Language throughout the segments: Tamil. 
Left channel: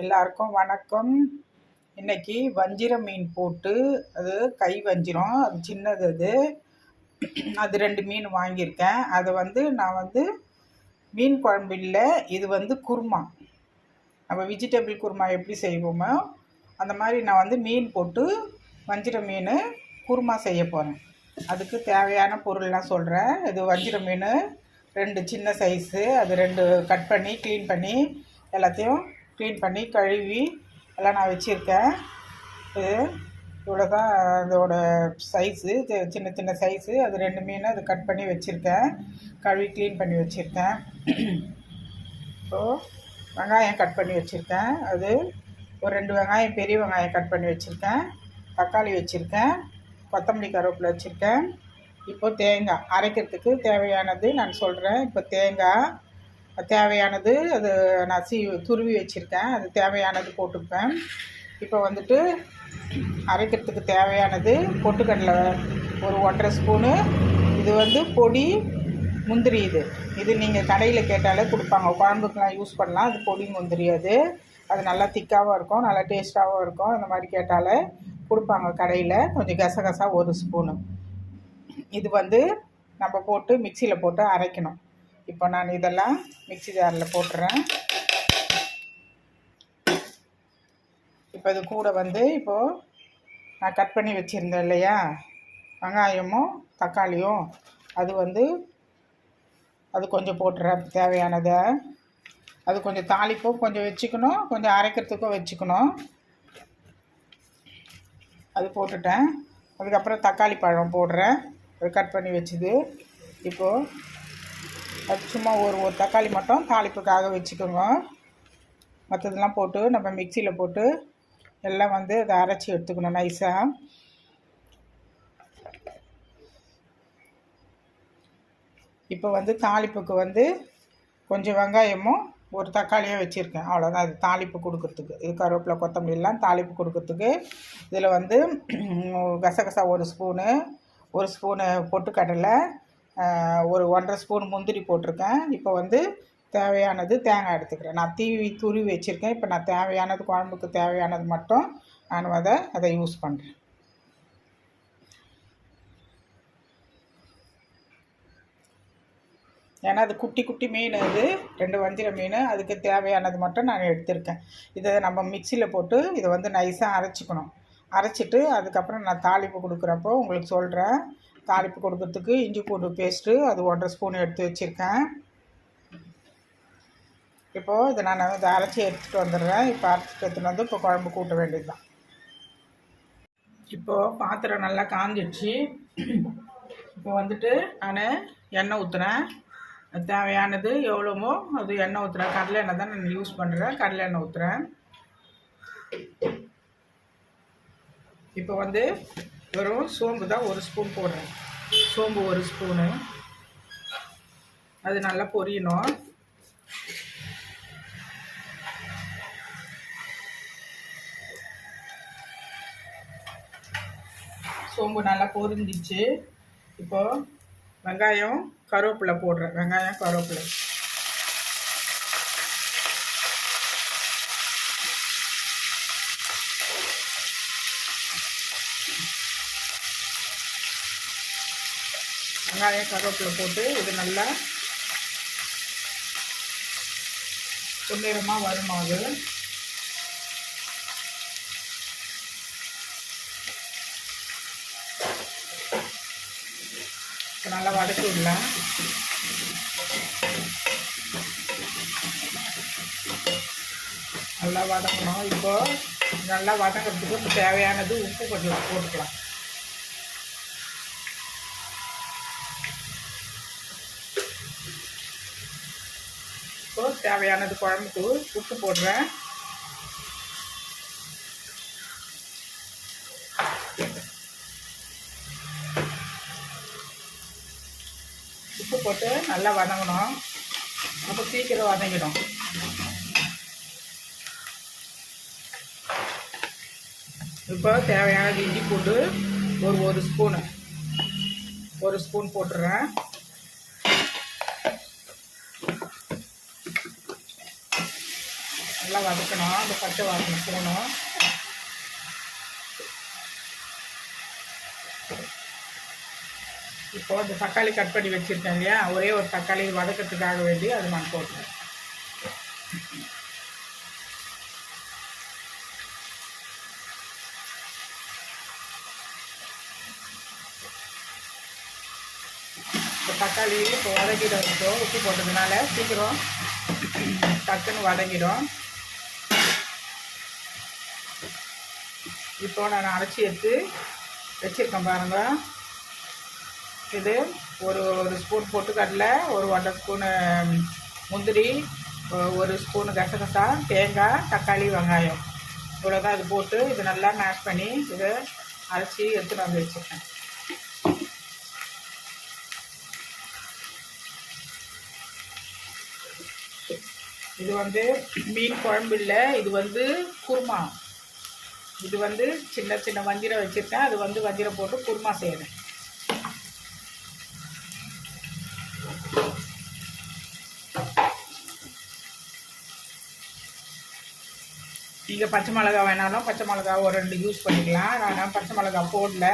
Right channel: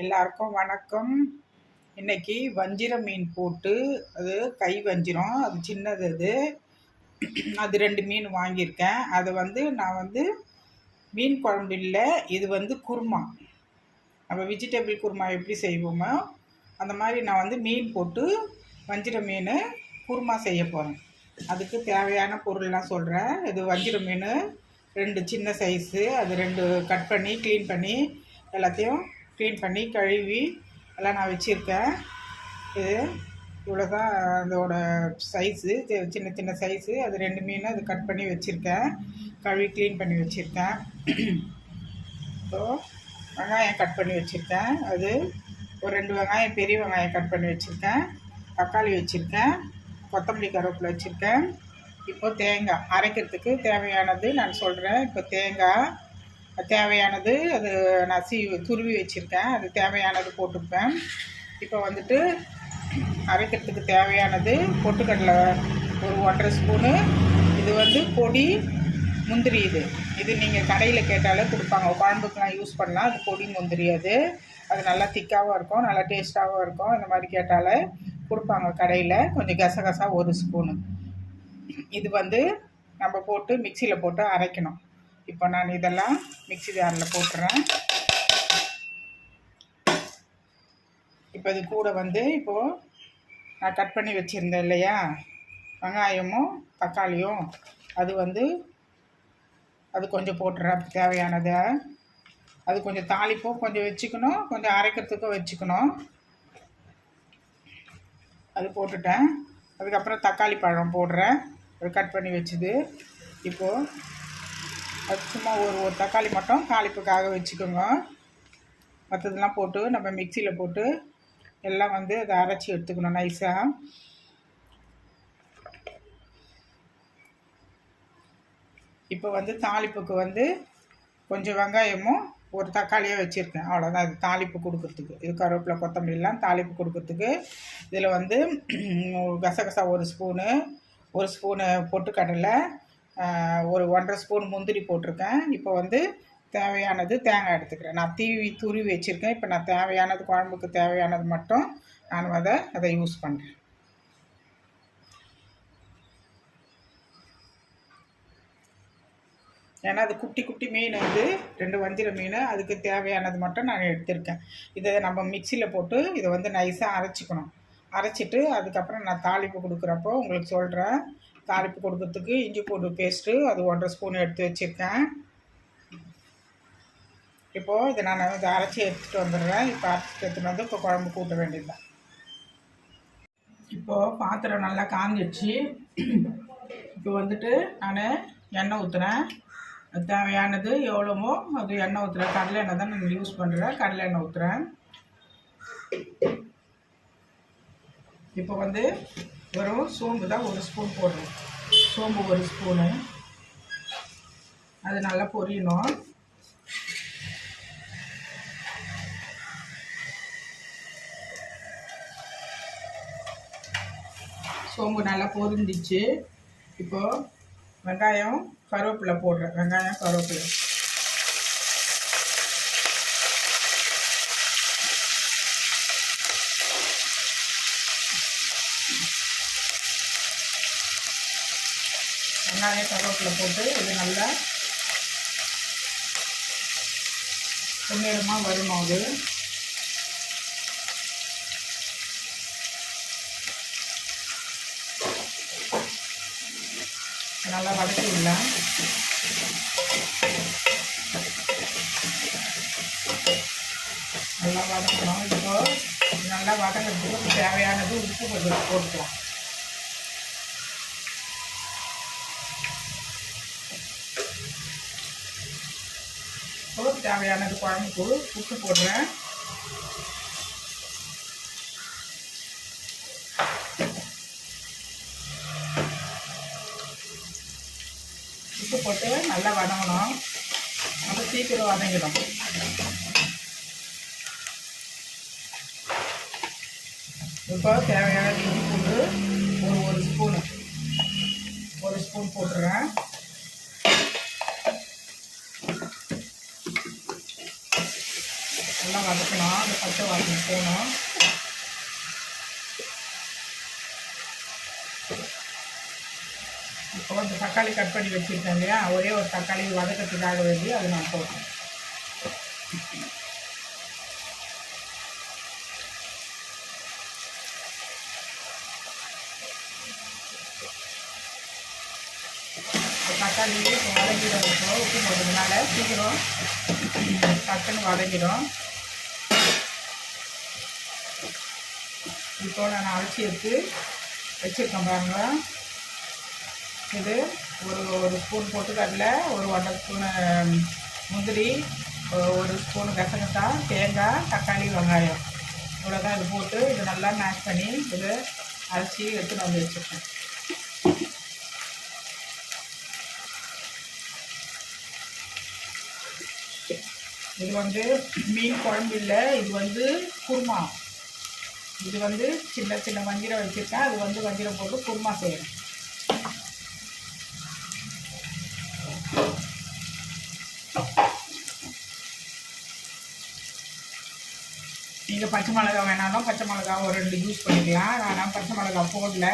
எல்லாருக்கும் வணக்கம். இன்னைக்கு வஞ்சிர மீன் போட்டு, அது கை வஞ்சிரம், அது சின்னது, அது 2 மீன் வாங்கியிருக்கேன். அதை நான் மீன் குழம்பு இல்லை, இது குருமா. நம்ம வெஜிடபிள் குருமா எப்படி செய்வோமோ அந்த மாதிரி நான் மீன் போட்டு வஞ்சிர மீன் குருமா செய்ய போகிறேன். அதுக்கு தேவையான பொருள்லாம் சொல்கிறேன். இது வஞ்சிர மீன் 2 சின்ன சைஸு, அது 2 கட் பண்ணி க்ளீன் பண்ணி எல்லாத்தையும் க்ளீன் பண்ணி கழுவி எல்லாம் நான் வச்சுருக்கேன். இது இவ்வளோ தான் அதோட சைஸு, சின்ன சின்ன சைஸு. அது 2 மீன் அது கட் பண்ணி வச்சுருக்கேன், கழுவி க்ளீன் பண்ணி வச்சுருக்கேன். இப்போது வெங்காயம் கட் பண்ணி வச்சுருக்கேன், அது ஒரு 2 வெங்காயம், பெரிய வெங்காயம் கட் பண்ணி வச்சுருக்கேன். தக்காளி வச்சுருக்கேன், கொத்தமல்லி கருவேப்பிலை வச்சுருக்கேன். இப்போ தேங்காய் அரைக்கிறதுக்கு தேவையானது நான் சொல்கிறேன். இப்போ தேங்காய் தேவையானது அது நான் துருவி வச்சுருக்கேன், அது தேவையானது போட்டுப்பேன். இப்போ அரைக்கிறதுக்கு தேவையானது பொட்டுக்கடலை ஒரு 1.5 ஸ்பூனு. இது பொடி முந்திரி. இது நீங்கள் கடையில் கேட்டாலே கொடுப்பாங்க, குழம்புக்கெலாம் யூஸ் பண்ணலாம். அது பொடி முந்திரி, அது நல்லா திக்காகவும் இருக்கும், நல்லா டேஸ்ட்டாகவும் இருக்கும். இந்த மாதிரி கேட்டாலே கொடுப்பாங்க கடையில். கொஞ்சம் கசகசா 1 ஸ்பூனு. இது நம்ம போட்டு மிக்சியில் போட்டு அரைக்கணும். இப்போ நான் இதெல்லாம் மிக்சி ஜாரில் போட்டுறேன். இப்போ இது கூட இப்போது நான் கட் பண்ணி வச்சுருந்தேன் இல்லையா, வெங்காயமும் தக்காளியும், அது கொஞ்சம் போட்டுறேன் தேவையானதை. அது கொஞ்சம் தாளிப்பும் கொஞ்சம் வச்சுக்கணும், கொஞ்சம் அரைக்கிறதுக்கும் வச்சுக்கணும். அது போட்டுட்டேன். அதுக்கப்புறம் தக்காளி பழம் போடுறேன், அது கட் பண்ணி வச்சுது. இப்போது அது சும்மா ஒரு தக்காளி மட்டும் தாளிப்புக்காக வச்சுக்கோங்க. மற்றதெல்லாம் போட்டு நம்ம மிக்சியில் போட்டு எல்லாம் அதை அரைச்சி எடுத்துக்கணும் நைஸாக. இப்போ தாளிப்புக்கு கொஞ்சம் வெங்காயமும் ஒரு தக்காளியாக வச்சுருக்கேன், அவ்வளோதான். இது தாளிப்பு கொடுக்குறதுக்கு, இது கருவேப்பிலை கொத்தமல்லிலாம் தாளிப்பு கொடுக்குறதுக்கு. இதில் கசகசா 1 ஸ்பூனு, 1 ஸ்பூனு பொட்டுக்கடலை, ஒரு 1.5 ஸ்பூன் முந்திரி போட்டிருக்கேன். இப்போ தேவையானது தேங்காய் எடுத்துக்கிறேன். நான் துருவி வச்சுருக்கேன். இப்போ நான் தேவையானது, குழம்புக்கு தேவையானது மட்டும் நான் அதை யூஸ் பண்ணுறேன். ஏன்னா அது குட்டி குட்டி மீன், 2 வஞ்சிர மீன், அதுக்கு தேவையானது மட்டும் நான் எடுத்திருக்கேன். இதை நம்ம மிக்சியில் போட்டு இதை நைஸாக அரைச்சிக்கணும். அரைச்சிட்டு அதுக்கப்புறம் நான் தாளிப்பு கொடுக்குறப்போ உங்களுக்கு சொல்கிறேன். தாளிப்பு கொடுக்கறதுக்கு இஞ்சி பூண்டு பேஸ்ட்டு, அது 1.5 ஸ்பூன் எடுத்து வச்சுருக்கேன். இப்போது இதை நான் அரைச்சி எடுத்துகிட்டு வந்துடுறேன். இப்போ அரைச்சிட்டு எடுத்துகிட்டு இப்போ குழம்பு கூட்ட வேண்டியது தான். இப்போது பாத்திரம் நல்லா காஞ்சிடுச்சு. இப்போ நான் எண்ணெய் ஊற்றுறேன். தேவையானது எவ்வளோமோ அது எண்ணெய் ஊற்றுறேன். கடலை எண்ணெய் தான் நான் யூஸ் பண்ணுறேன், கடலை எண்ணெய் ஊற்றுறேன். இப்போ வெறும் சோம்பு தான் 1 ஸ்பூன் போடுறேன். சோம்பு 1 ஸ்பூனு, அது நல்லா பொரியணும். சோம்பு நல்லா பொரிஞ்சிச்சு. இப்போது வெங்காயம் கருவேப்பிலை போடுறேன். வெங்காயம் கருவேப்பிலை கருவேப்பிலை போட்டு இது நல்லா பொன்னிறமாக வரணும். அது நல்லா வதக்கிடலாம். நல்லா வதக்கணும். இப்போது நல்லா வதக்கிறதுக்கு தேவையானது உப்பு கொஞ்சம் போட்டுக்கலாம். இப்போது தேவையானது குழம்புக்கு உப்பு போடுறேன். உப்பு போட்டு நல்லா வதங்கணும். அப்போ சீக்கிரம் வதங்கிடும். இப்போ தேவையானது இஞ்சி பூண்டு ஒரு ஸ்பூனு, 1 ஸ்பூன் போட்டுறேன். நல்லா வதக்கணும். அந்த பச்சை வாசனை போகணும். இப்போது இந்த தக்காளி கட் பண்ணி வச்சுருக்கேன் இல்லையா, ஒரே ஒரு தக்காளி வதக்கிறதுக்காக வேண்டி அதை நான் போட்டேன். தக்காளி இப்போ வதக்கிடும். இப்போ உப்பு போட்டதுனால சீக்கிரம் டக்குன்னு வதக்கிடும். இப்போ நான் அரைச்சி எடுத்து வச்சுருக்கேன் பாருங்க. இது ஒரு ஸ்பூன் பொட்டுக்கடலை, ஒரு 1.5 ஸ்பூனு முந்திரி, ஒரு ஸ்பூனு கசகசா, தேங்காய், தக்காளி, வெங்காயம் இவ்வளோ தான். இது போட்டு இது நல்லா மேஷ் பண்ணி இது அரைச்சி எடுத்து நான் வச்சுருக்கேன். இது வந்து மீன் குழம்பு இல்லை, இது வந்து குருமா. இது வந்து சின்ன சின்ன வஞ்சிரம் வச்சுருக்கேன். அது வந்து வஞ்சிரம் போட்டு குருமா செய்கிறேன். நீங்கள் பச்சை மிளகா வேணாலும் பச்சை மிளகா ஒரு 2 யூஸ் பண்ணிக்கலாம். நான் பச்சை மிளகா போடல.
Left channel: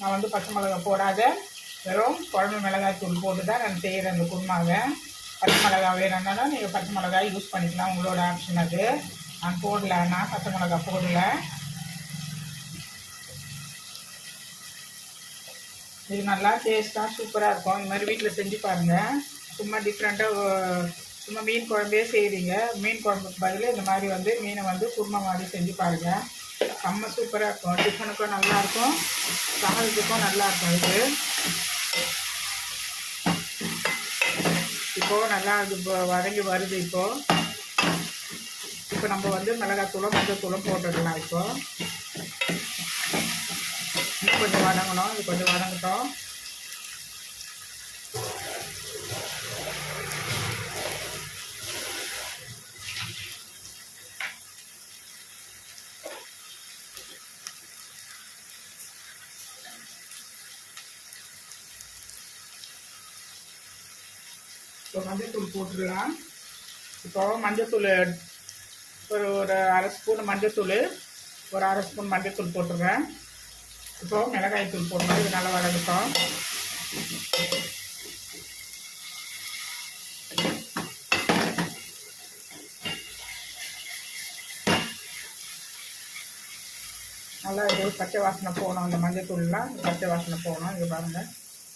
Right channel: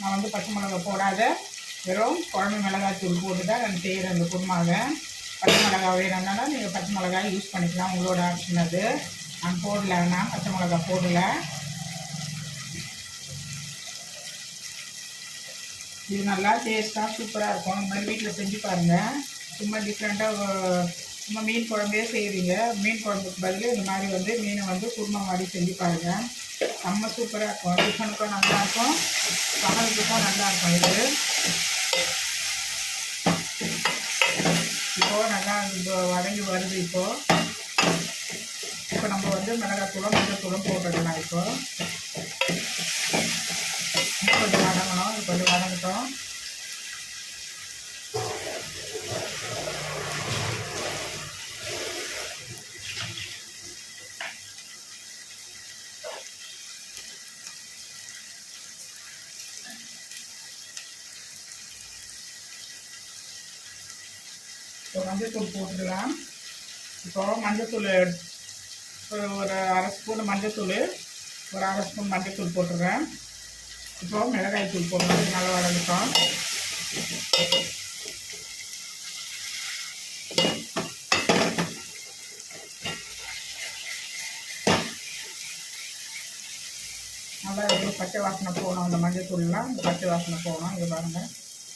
நான் வந்து பச்சை மிளகா போடாத வெறும் குழம்பு மிளகாய் தூள் போட்டு தான் நான் செய்கிறேன் இந்த குருமாவை. பச்சை மிளகா வேணும்னா நீங்கள் பச்சை மிளகாய் யூஸ் பண்ணிக்கலாம், உங்களோட ஆப்ஷன் அது. நான் போடல, நான் பச்சை மிளகா போடல. இது நல்லா டேஸ்ட்டாக சூப்பராக இருக்கும். இந்த மாதிரி வீட்டில் செஞ்சு பாருங்கள். சும்மா டிஃப்ரெண்ட்டாக சும்மா மீன் குழம்பே செய்வீங்க, மீன் குழம்புக்கு பதில் இந்த மாதிரி வந்து மீனை வந்து குருமா மாதிரி செஞ்சு பாருங்கள். செம்ம சூப்பராக இருக்கும். டிஃபனுக்கும் நல்லாயிருக்கும், சமையலுக்கும் நல்லாயிருக்கும். இது இப்போது நல்லா அது வதங்கி வருது. இப்போ நம்ம வந்து மிளகாத்தூளும் மஞ்சத்தூளும் போட்டுக்கலாம். இப்போது கொஞ்சம் வதங்கணும். இது கொஞ்சம் வதங்கட்டும். இப்போ மஞ்சத்தூள் போட்டுடலாம். இப்போ மஞ்சத்தூள் ஒரு 1/2 ஸ்பூன் மஞ்சத்தூள், ஒரு 1/2 ஸ்பூன் மஞ்சத்தூள் போட்டுடுறேன். இப்போ மிளகாய் தூள் போட்டு இது நல்லா வதங்கட்டும். நல்லா இது பச்சை வாசனை போகணும். அந்த மஞ்சத்தூள்லாம் இந்த பச்சை வாசனை போகணும். இது பாருங்கள்,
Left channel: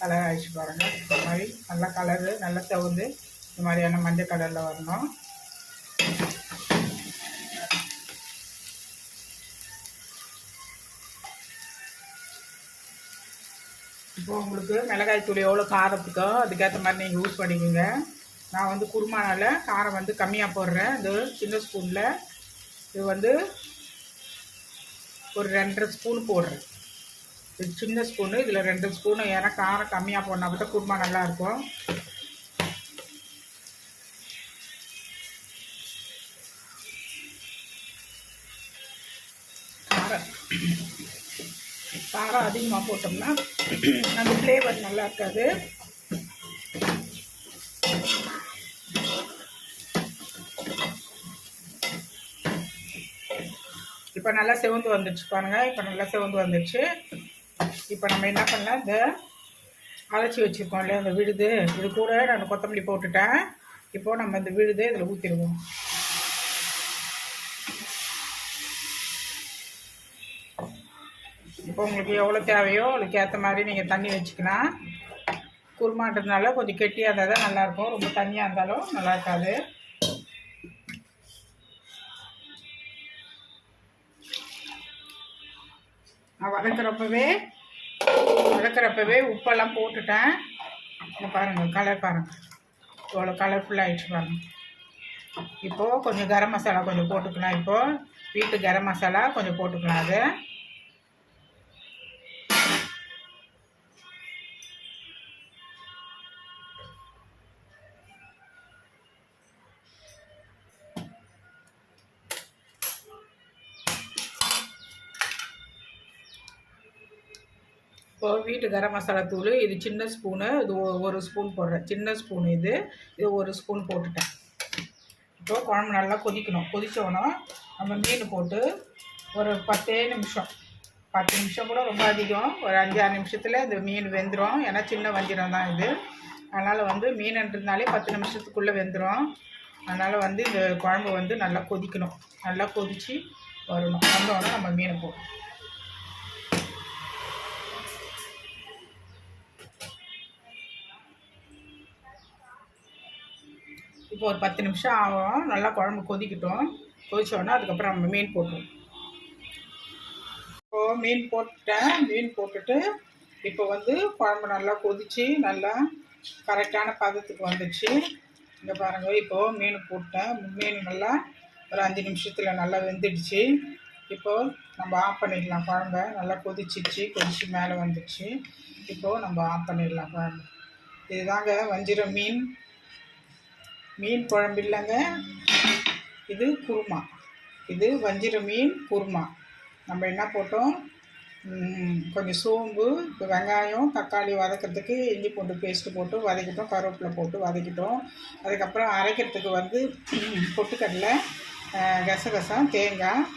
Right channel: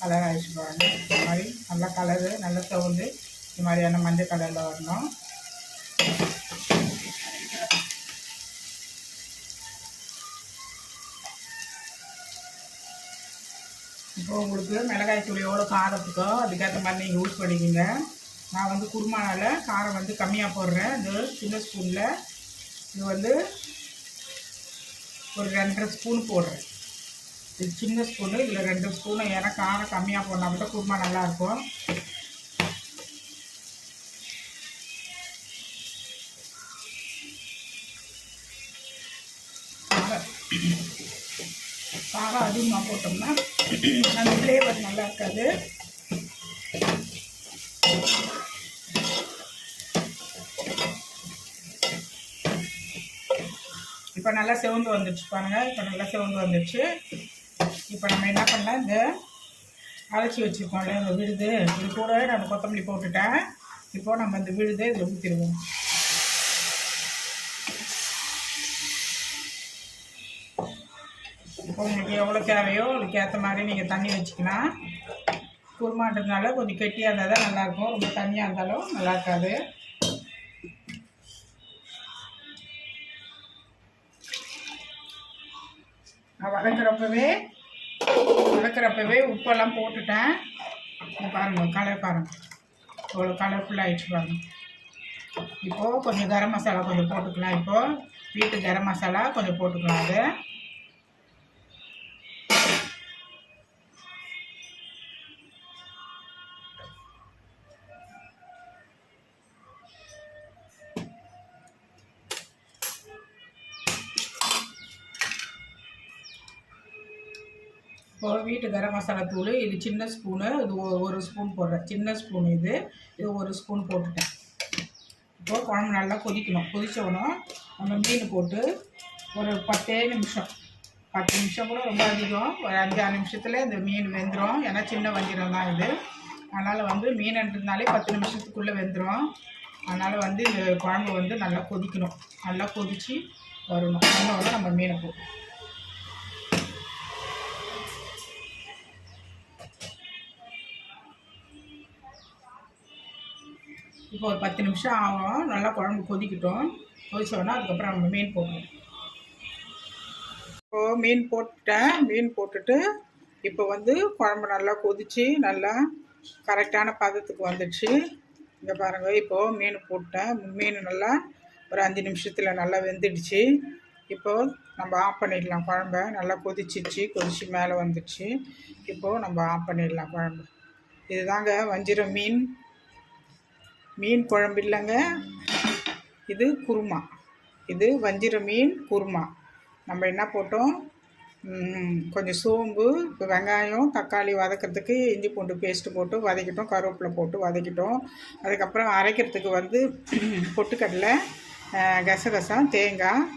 கலர் ஆகிடுச்சு பாருங்கள். இந்த மாதிரி நல்லா கலரு நல்லா தகுந்து இந்த மாதிரியான மஞ்சள் கலரில் வரணும். இப்போ உங்களுக்கு மிளகாய் தூள் எவ்வளோ காரத்துக்கோ அதுக்கேற்ற மாதிரி நீங்கள் யூஸ் பண்ணிக்கோங்க. நான் வந்து குருமானால காரம் வந்து கம்மியாக போடுறேன். இது சின்ன ஸ்பூனில் இது வந்து ஒரு 2.5 ஸ்பூன் போடுறேன். இது சின்ன ஸ்பூனு, இதில் 2 ஸ்பூனு. ஏன்னா காரம் கம்மியாக போனால் மட்டும் குருமா நல்லாயிருக்கும். காரம் அதிகமாக போட்டோம்னா அந்த ஃப்ளேவர் நல்லா இருக்காது. இப்போ நல்லா செவந்து வந்துடுச்சு பாருங்கள். இப்போ நல்லா செவந்து வந்துடுச்சு. இப்போ நம்ம என்ன பண்ணலாம், இந்த அரைச்சி வச்சுருக்கோம் இல்லையா இந்த விழுது, இது கூட நான் கொத்தமல்லி போட்டுட்டேன். இப்போது நம்ம இந்த விழுது இதில் ஊற்றிடுவோம். இப்போ உங்களுக்கு எவ்வளோ தேவையோ அதுக்கு ஏற்ற மாதிரி நீங்கள் தண்ணி வச்சுக்கலாம். குருமான்றதுனால கொஞ்சம் கெட்டியாக இருந்தால் தான் நல்லாயிருக்கும், ரொம்ப தண்ணியாக இருந்தாலும் நல்லா இருக்காது. நான் வதக்கிறப்பவே உப்பெல்லாம் போட்டுட்டேன். பாருங்கள் கலர் பாருங்கள் இவ்வளோ கலர்ஃபுல்லாக ஆகிடுச்சு பாருங்கள். இப்போது கொஞ்சம் கரம் மசாலா கொஞ்சம் போட்டுக்கலாம். இப்போது வீட்டு கரம் மசாலா கொஞ்சம் போட்டுக்கலாம். அது இப்போது வீட்டு கரம் மசாலா தூள் இது சின்ன ஸ்பூனு, இது 1 ஸ்பூன் போடுறேன். சின்ன ஸ்பூன் இது 1 ஸ்பூன் போட்டுட்டேன். இப்போ குழம்பு நல்லா கொதிக்கணும். கொதித்தோன்னா நம்ம மீன் போட்டு ஒரு 10 நிமிஷம், 10 நிமிஷம் கூட ரொம்ப அதிகம், ஒரு 5-6 நிமிஷத்தில் இந்த மீன் வெந்துடும். ஏன்னா சின்ன வஞ்சிரம் தான் இது. அதனால் வந்து மீன்ன்றதுனாலே 10 நிமிஷத்துக்குள்ளே வெந்துடும். அதனால் வந்து இந்த குழம்பு வந்து நல்லா கொதிக்கணும். நல்லா கொதித்து வரணும். வந்தோடனே நம்ம மீனை போடணும். இப்போ ஒரு 10 நிமிஷம் ஆகும். நல்லா குழம்பு கொதிக்கட்டும். கொதிச்சோன்னா அதுக்கப்புறம் நம்ம மீன் போடணும். இப்போது மீன் போட்டுட்டேன். மீன் போட்டுட்டு இப்போ வந்து குழம்பு நல்லா கொதித்து நல்லா கரெக்டான பதத்துக்கு வந்துடுச்சு. இங்கே பாருங்கள், இப்போது மீன் போட்டேன். மீன் நல்லா ஒரு 5 நிமிஷத்தில் நல்லா வெந்துடுச்சு. இப்போது நம்ம ஆஃப் பண்ணிடலாம். குழம்ப நல்லா கொதிச்சிச்சு, கொதித்து மேலே வந்துடுச்சு. இப்போது நம்ம ஆஃப் பண்ணிடலாம் குழம்பு. இதுதாங்க வஞ்சிரம் மீன் குழம்பு இல்லைங்க, இது குருமா. இது வஞ்சிர மீன் குருமா. நம்ம என்ன போட்டோம், கொஞ்சம் சோம்பு, வெங்காயம், தக்காளி வதக்கிறதுக்கு இஞ்சி பூண்டு பேஸ்ட்டு போட்டு வதக்கிட்டோம். கருவேப்பிலை போட்டு வதக்கிட்டோம். அதுக்கப்புறம் அரைக்கிறதுக்கு வந்து பொட்டுக்கடலை, கசகசம், தேங்காய்,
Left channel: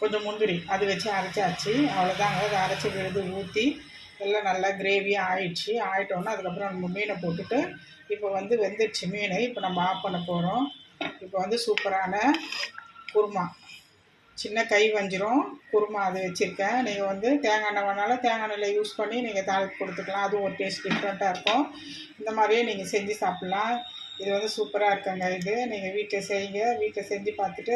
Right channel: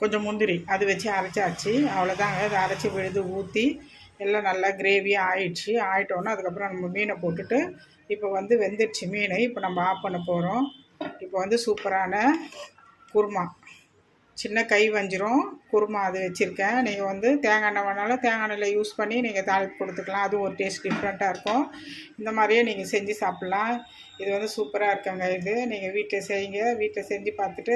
கொஞ்சம் முந்திரி அது வச்சு அரைச்சாச்சு. அவ்வளோதாங்க. அதை அரைச்சி விழுது ஊற்றி எல்லாம் நல்லா கிரேவியாக ஆயிடுச்சு. ஆகிட்டோன்னா அதுக்கப்புறம் நம்ம மீனை போட்டுட்டு இப்போ வந்து வெந்துடுச்சு மீன். இப்போ நம்ம ஆஃப் பண்ண போகிறோம். இப்போ வந்து சூப்பரான குருமா, சின்ன கை வஞ்சிரம் குருமா அது வச்சுருக்கேன். நீங்கள் வந்து தேங்காய் எண்ணெய் வேணாலும் தேங்காய் எண்ணெயில் யூஸ் பண்ணி நீங்கள் தாளிப்பு கொடுத்துக்கலாம். அதுவும் ஒரு டேஸ்ட் டிஃப்ரெண்ட்டாக இருக்கும். இந்த மாதிரியே நீங்கள் செஞ்சு சாப்பிட்லாம். இது வந்து சூப்பராக இருக்குங்க. இது நீங்கள் வீட்டில் செய்யுங்க. வீட்டில் செஞ்சு பார்த்துட்டு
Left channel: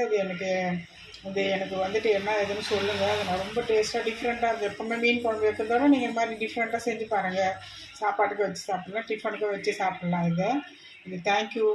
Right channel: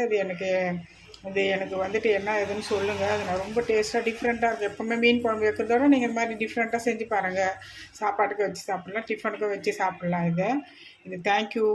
எனக்கு வந்துட்டு என்ன இதுன்னு சொல்லுங்கள். அது நான் ரொம்ப டேஸ்ட்டாக டிஃப்ரெண்ட்டாக இருக்குது. எப்போவுமே மீன் குழம்பு வைக்கிறதோட நீங்கள் இந்த மாதிரி டிஃப்ரெண்ட்டாக செஞ்சு பாருங்கள். சாப்பாட்டுக்கு வச்சு சாப்பிட்லாம், டிஃபனுக்கு வச்சு சாப்பிட்லாம். இது தேங்க்யூ.